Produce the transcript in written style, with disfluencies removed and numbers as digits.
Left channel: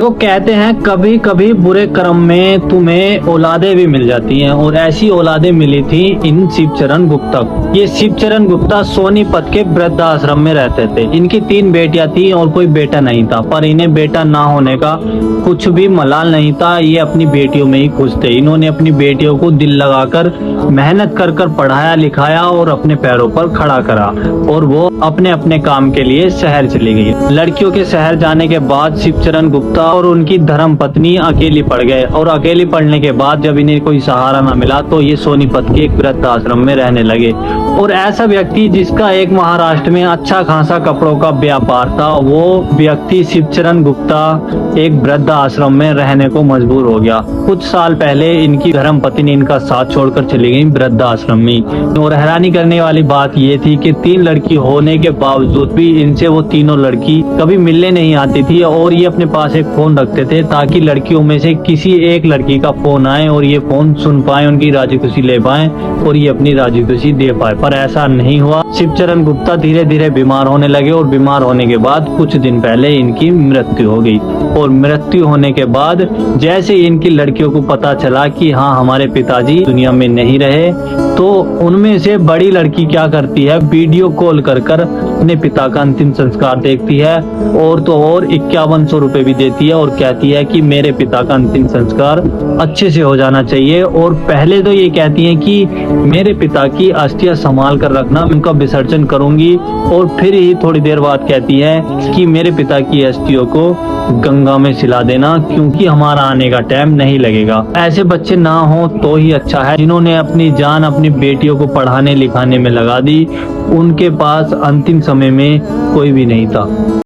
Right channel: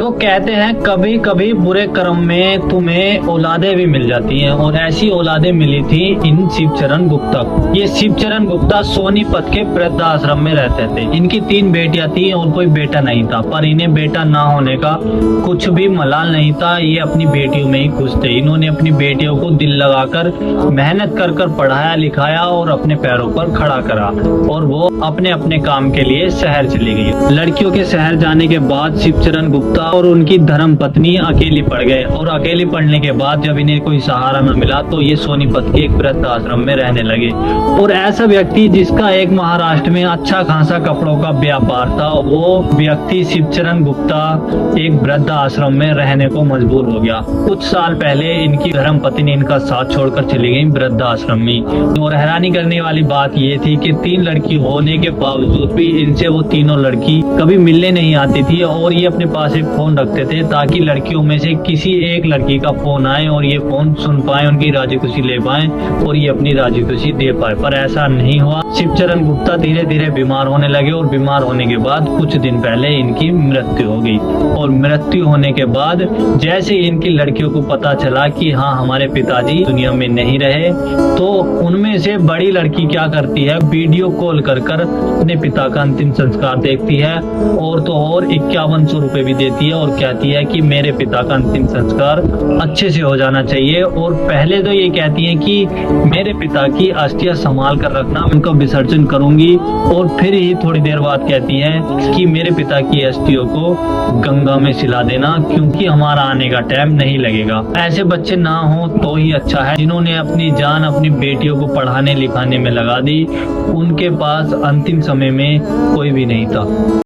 तो कहते हैं कभी कभी बुरे कर्म में तुम्हें औलादे भी मिल जाती हैं, और ऐसी औलादे मिली थी इन शिवचरण गुप्ता को। ये शिवचरण गुप्ता सोनीपत के वृद्ध आश्रम में रहते थे। इनकी 3 बेटियां थी और कोई बेटा नहीं था, पर इन्हें बेटा ना होने का कुछ भी मलाल नहीं था। ये अपनी बेटियों में ही खुश थे। इन्होंने अपनी बेटियों को दिल लगाकर मेहनत कर कर पढ़ाया लिखाया और अपने पैरों पर खड़ा करा, और वो अपने अपने काम के लिए शहर चली गई। लड़कियों के शहर जाने के बाद शिवचरण गुप्ता और उनकी धर्म पत्नी अकेली पड़ गए, और अकेली पड़ने के बाद जब इन्हें कोई सहारा न मिला तो ये सोनीपत के एक वृद्ध आश्रम में रहने लगे। और ऐसा व्यक्ति जिसका एक महाराष्ट्र में अच्छा खासा कपड़ों का व्यापार था, वो व्यक्ति शिवचरण गुप्ता एक वृद्ध आश्रम में रहने को मजबूर हो गया। कुछ साल पहले इनकी धर्म पत्नी ने इनका साथ छोड़कर चली गई वृद्ध आश्रम में। और हैरानी करने वाली बात ये थी कि 3 लड़की होने के बावजूद भी इनसे वो तीनों लड़की कभी मिलने नहीं आती थी, और ये अपने पास एक फोन रखते थे ताकि लड़कियों में से किसी एक लड़की का फोन आए और ये फोन सुन पाए, उनकी राजी खुशी ले पाए और ये अपनी राजी खुशी दे पाए। पर ऐसा नहीं हुआ। शिवचरण गुप्ता धीरे धीरे बीमार होने लगे, और बीमार होने के बाद कुछ दिन पहले इनकी मृत्यु हो गई। और मृत्यु होने के बाद जैसे इनकी लड़कियों को पता चला कि हाँ हमारे पिताजी दुनिया में नहीं रहे, तो उनमें से बड़ी लड़की क्या करती है, वीडियो कॉल कर कर अपने पिता का अंतिम संस्कार देखती है, और तो और 5100 रुपए भी देती है, और कहती है कि मेरे पिता का अंतिम संस्कार अच्छे से हो जाना चाहिए। और पहले तो ये कहती है कि मेरे पिता की अस्थियां संभाल कर रखना, उनका विसर्जन करूंगी, और फिर ही थोड़ी देर बाद कहती है कि मेरे पिता की अस्थियों को गंगा में सिला देना, क्योंकि हमारा आने का टाइम नहीं लगेगा। ऐसे बच्चे ना हो तो ही अच्छा है, जिन्होंने अपनी जान अपनी बेटियों को पढ़ाने लिखाने में लगा दी। उनके पास अंतिम समय में कोई भी नहीं था।